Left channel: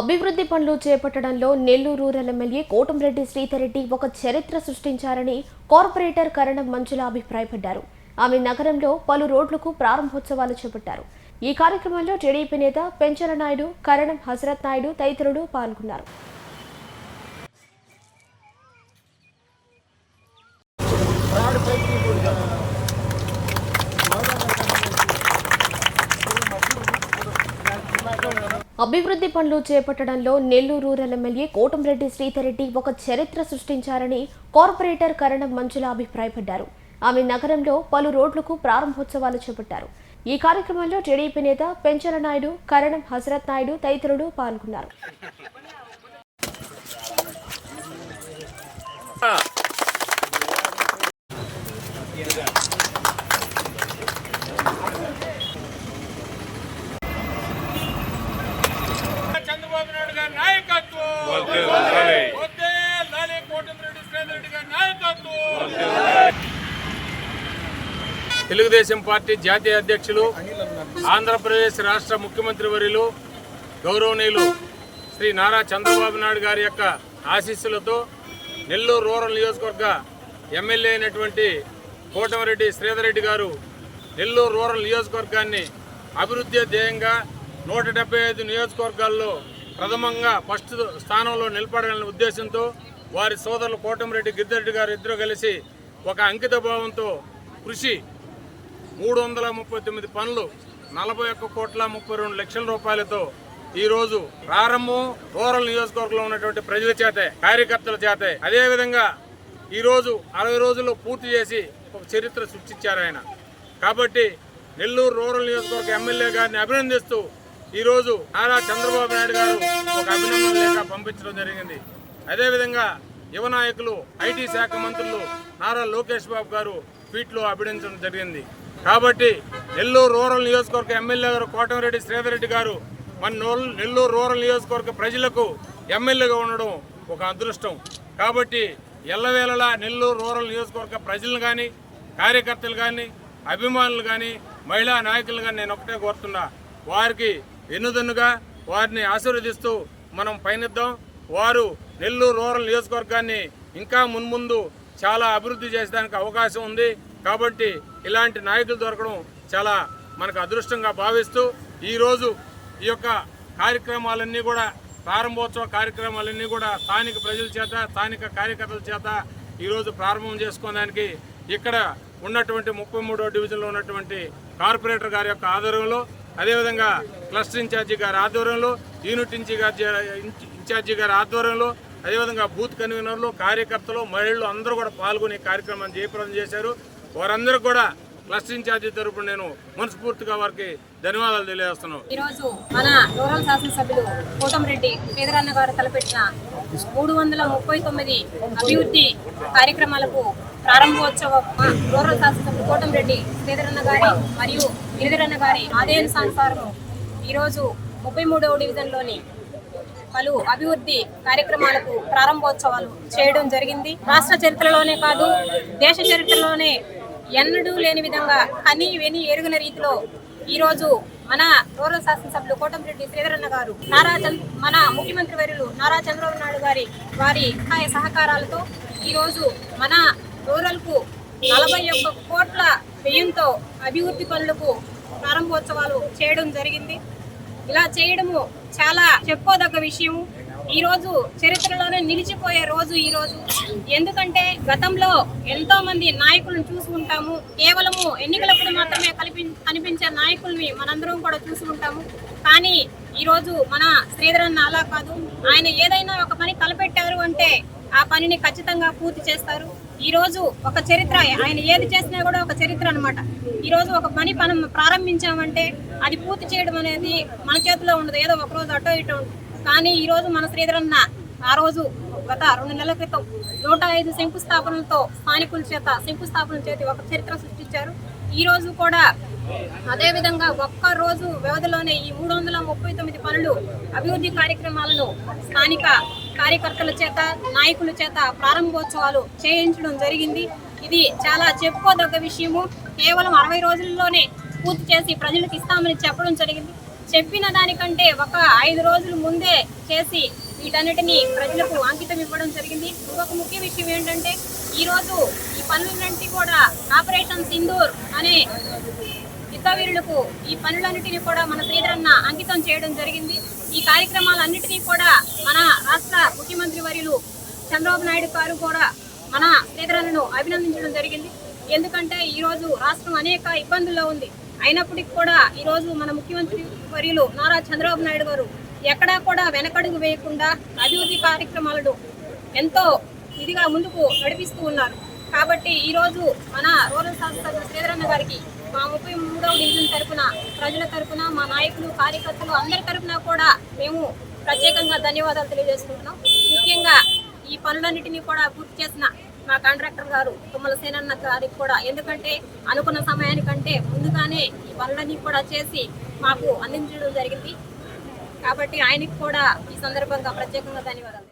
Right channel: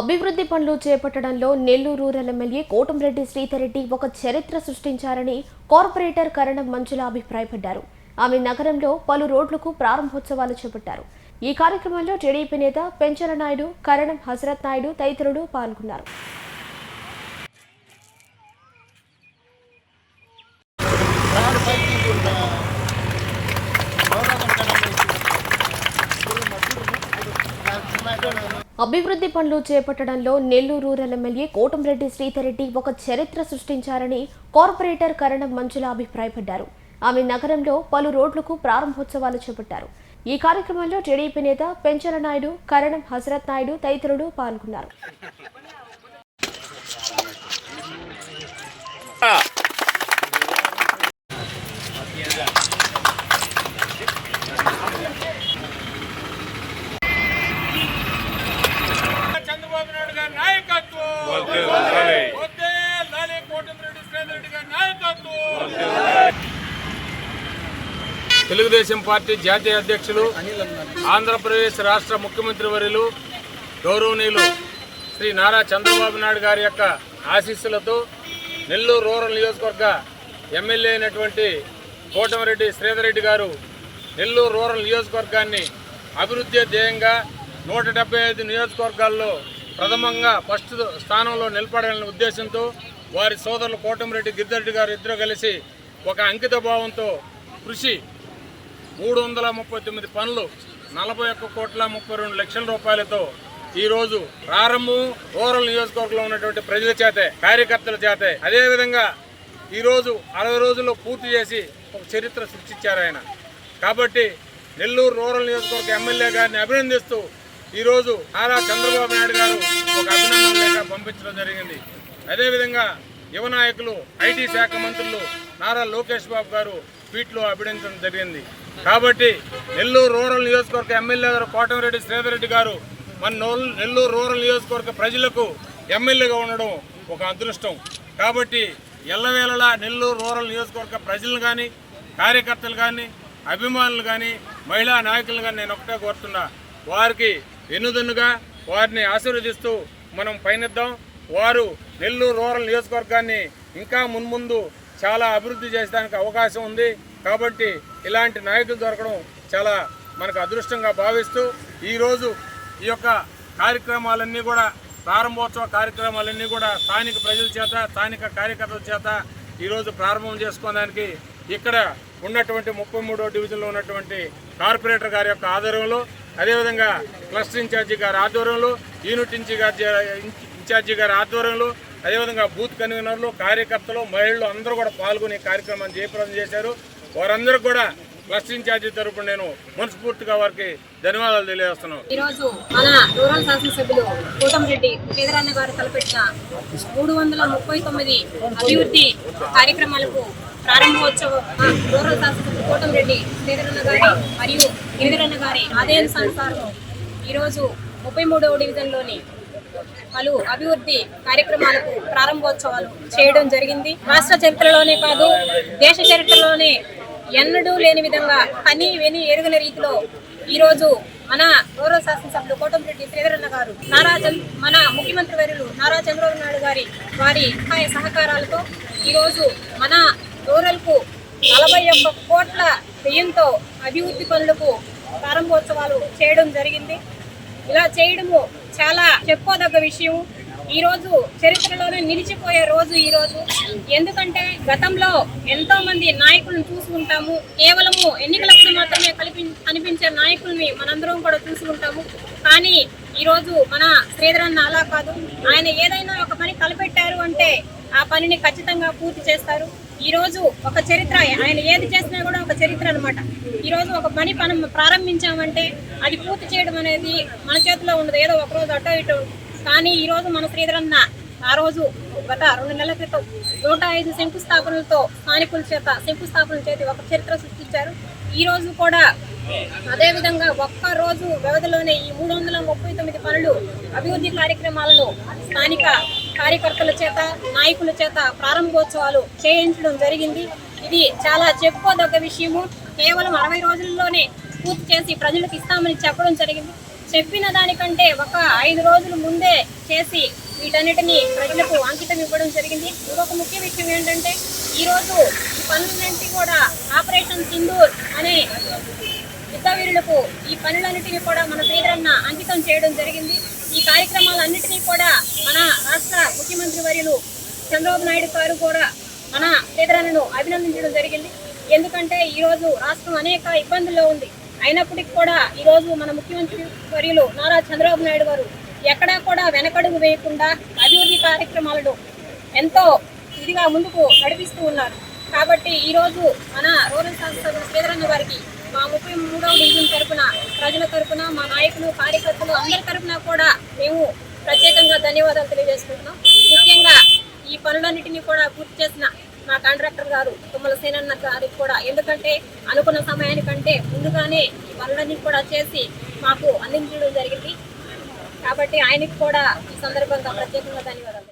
అభివృద్ధి పనులు చేపట్టడంలో Nellore rural MLA Kotamreddy Sridhar Reddy ఒక చరిత్ర సృష్టించారని కార్పొరేటర్ కరణం మంజుల అభిప్రాయపడ్డారు. ఆమె నగరంలో పలు రోడ్లకు ప్రారంభోత్సవాలు చేపట్టారు. ఈ కార్యక్రమంలో టీడీపీ నేత పెంచల నాయుడు, కరణం హజరత్ నాయుడు తదితరులు పాల్గొన్నారు. అభివృద్ధి పనులు చేపట్టడంలో నెల్లూరు రూరల్ ఎమ్మెల్యే కోటంరెడ్డి శ్రీధర్రెడ్డి ఒక చరిత్ర సృష్టించారని కార్పొరేటర్ కరణం మంజుల అభిప్రాయపడ్డారు. ఆమె నగరంలో పలు రోడ్లకు ప్రారంభోత్సవాలు చేపట్టారు. ఈ కార్యక్రమంలో టీడీపీ నేత పెంచల నాయుడు, కరణం హజరత్ నాయుడు తదితరులు పాల్గొన్నారు. తెలుగుదేశం పార్టీ జాతీయ అధ్యక్షులు, ఆంధ్రప్రదేశ్ రాష్ట్ర ముఖ్యమంత్రి వర్యులు గౌరవనీయులు శ్రీ నారా చంద్రబాబు నాయుడు గారి యొక్క ఆశీస్సులతో నెల్లూరు రూరల్ నియోజకవర్గ ఎమ్మెల్యే అయినటువంటి కోటంరెడ్డి శ్రీధర్రెడ్డి గారు నెల్లూరు రూరల్ నియోజకవర్గాన్ని అభివృద్ధి ధ్యేయంగా 175 నియోజకవర్గాల్లో ప్రథమంగా ఫస్ట్ స్థానంలో నిలబడాలనే ఉద్దేశంతో వారి సోదరులు కోటంరెడ్డి గిద్దరెడ్డి గారు ఇద్దరు కలిసి ఒక అంకిత భావంతో కృషి 339 పనులు 41,32,00,000 రూపాయలతో ఈరోజు ప్రారంభం రూరల్ నియోజకవర్గంలో ఉన్నటువంటి ప్రజల చేతే, కార్యకర్తల చేతే. అదేవిధంగా ఈరోజు 60 రోజుల్లో పూర్తి చేసి ఒక చరిత్ర సృష్టించారు ఆయన. కాబట్టి నెల్లూరు రూరల్ నియోజకవర్గ ఎమ్మెల్యే గారిని అభినందిస్తూ ఈరోజు నారా చంద్రబాబు నాయుడు గారు ఒక అభినందన లేఖ పంపించడం జరిగింది. అదేవిధంగా యువ నాయకులు, ఐటీ శాఖ మంత్రులు నారా లోకేష్ బాబు గారు ట్వీట్లో అభినందించడం జరిగింది. కాబట్టి నెల్లూరు రూరల్ నియోజకవర్గ ఎమ్మెల్యే గారు కోటంరెడ్డి శ్రీధర్రెడ్డి గారు మన నెల్లూరు రూరల్ నియోజకవర్గ ప్రజలకు ఎమ్మెల్యేగా ఉండడం ఒక అదృష్టం. కాబట్టి ఎల్లవేళలా నెల్లూరు రూరల్ నియోజకవర్గ ప్రజలను కానీ, కార్యకర్తలు కానీ, అభిమానులు కానీ, మహిళా నాయకులు కానీ నేను ఒకటే కోరుతున్నా, వారికి ఎన్నుదన్నుగా వారిని ఆశీర్వదిస్తూ మనం పయనిద్దాం. వారు నెల్లూరు రూరల్ నియోజకవర్గాన్ని ఇంకా మున్ముందు చాలా అభివృద్ధి చేసేదానికి అవకాశం ఉంది. కాబట్టి ఇలాంటి నాయకులు దొరకడం చాలా మనకు అదృష్టంగా భావిస్తూ ఈరోజు ఈ యొక్క కార్యక్రమాలన్నీ కూడా, ప్రారంభోత్సవ కార్యక్రమాలన్నీ కూడా స్థానిక ప్రజల చేత, స్థానిక కార్యకర్తల చేత ఈరోజు ప్రారంభం చేసుకోవడానికి ఇక్కడ ఉన్నటువంటి 33వ డివిజన్లో ఉన్నటువంటి కార్పొరేటర్ గారి యొక్క ఆధ్వర్యంలో, అదేవిధంగా క్లస్టర్ ఇన్ఛార్జి గారి ఆధ్వర్యంలో, యూనిట్ ఇన్ఛార్జి గారి ఆధ్వర్యంలో, అదేవిధంగా బూత్ కన్వీనర్లు, కార్యకర్తలు, మహిళలు అందరూ కూడా పాల్గొని కార్యక్రమాన్ని జయప్రదం చేశారు. వారందరూ కూడా క్లస్టర్ ఇన్ఛార్జి తరపున నేను మనస్ఫూర్తిగా వారికి ధన్యవాదాలు తెలియజేస్తున్నాను. ఈరోజు మన రూరల్ శాసనసభ్యులు కోటంరెడ్డి శ్రీధరన్న గారు తలపెట్టిన 339 అభివృద్ధి కార్యక్రమాలకు ప్రారంభోత్సవం రూరల్ శాసనసభ్యులు కోటంరెడ్డి శ్రీధరన్న గారి మరియు గిరిధరన్న గారి ఆదేశానుసారం ఈరోజు 33వ డివిజన్లోని పలు అభివృద్ధి కార్యక్రమాలకు ప్రారంభోత్సవాలు చేయడం జరిగింది. రాష్ట్ర చరిత్రలోనే కాదు, దేశ చరిత్రలోనే ఎన్నడూ లేని విధంగా కని విని ఎరుగని రీతిలో ఈరోజు మన రూరల్ శాసనసభ్యులు కోటంరెడ్డి శ్రీధరన్న గారు మన ముఖ్యమంత్రి వర్యులు నారా చంద్రబాబు నాయుడు గారి సహాయ సహకారాలతో ఈరోజు మన రూరల్కు 41 కోట్ల వ్యయంతో అభివృద్ధి పనులకు ప్రారంభోత్సవాలు చేయడం జరిగింది. ఇలా చేయడము చాలా చెప్పుకోదగ్గ విషయం. ఈరోజు చరిత్రలోనే నిలిచిపోయే రోజు ఈరోజు. ఎందుకంటే గతంలో ఎంతో మంది నాయకులను చూసుకుంటాము, కేవలము ఎన్నికలప్పుడు మాత్రమే కనిపించే నాయకుల్ని మనందరం కూడా చూసుకుంటాము. కానీ ఈరోజు మన శ్రీధరన్న అలా కాదు. ఆయన ఏదైనా ఒక పని తలపెట్టారు అంటే ఆ పనిని ఖచ్చితంగా పూర్తి చేస్తారు. ఈరోజు ఒక చరిత్ర, ఆయన ఏది చేసినా కూడా ఒక చరిత్ర అనమాట. ఈరోజు ఒక పని మనం ప్రారంభించామంటే అది పూర్తి చేయడం అనేది మన చేతిలో ఉండదు, ఏదో ఒకరోజు అటో ఇటో. కానీ ఈరోజు మన శ్రీధరన్న ఆ రోజు గత 2 నెలల క్రితం 105 శంకుస్థాపనలతో స్థానికుల చేత శంకుస్థాపనలు చేసి ఒక చరిత్ర సృష్టించారు. ఈరోజు కూడా అదేవిధంగా ఒక్క రోజు వ్యవధిలోనే ఈ 339 పనులు, అభివృద్ధి కార్యక్రమాలను స్థానిక కార్యకర్తల చేత, నాయకుల చేత ప్రారంభోత్సవాలు చేయించడం జరిగింది. ఇది చాలా చెప్పుకోదగ్గ విషయము. కేవలం 60 రోజుల్లోనే పూర్తి చేసి ప్రజలకు ఇస్తామని చెప్పడం జరిగింది. చెప్పిన దానికంటే ఒక 5 రోజుల ముందే చేసి వీటన్నిటిని ప్రజలకు అంకితం ఇవ్వడం జరిగింది. ఇంకొక ముఖ్య విషయం ఏంటంటే ఈరోజు ఈ పనులన్నింటినీ కూడా ఆపరేషన్ సింధూర్ అనే యుద్ధవీరులకు ఈ పనులన్నింటినీ కూడా మన శ్రీధరన్న అంకితం చేయడం జరిగింది. ఈ కార్యక్రమాలన్నింటినీ కూడా మన రాష్ట్ర ముఖ్యమంత్రి వర్యులు చంద్రబాబు నాయుడు గారు కూడా మన శ్రీధరన్నను అభినందించడం జరిగింది. ఎందుకంటే ఈరోజు రాష్ట్రం అనేక ఇబ్బందుల్లో ఉంది. అయినప్పటికీ కూడా ఈరోజు మన ముఖ్యమంత్రి వర్యులు నారా చంద్రబాబు నాయుడు గారు ఎక్కడా కూడా వెనకడుగు వేయకుండా అభివృద్ధి కార్యక్రమాలను ఎంతో ఇదిగా ముందుకు నడిపిస్తూ ఉన్నారు. కాబట్టి ఈరోజు మన రూరల్ శాసనసభ్యులు శ్రీధరన్న గారికి మా 33వ డివిజన్ తరపున, ప్రజల తరపున, మా నాయకులు, కార్యకర్తలు అందరి తరపున కూడా మేము ప్రత్యేకంగా ధన్యవాదాలు తెలియజేసుకుంటున్నాం. ముఖ్యంగా ఈ పనులన్నిటినీ కూడా పూర్తి చేసిన మా కాంట్రాక్టర్ గారు తుమ్మల సేనన్న గారికి కూడా, ఎందుకంటే అనుకున్న సమయానికంటే ముందుగానే ఈ పనులన్నీ కూడా చేసి మాకు అందించడం జరిగింది. కాబట్టి ఆయనకి కూడా ఈ సందర్భంగా ప్రత్యేకంగా ధన్యవాదాలు.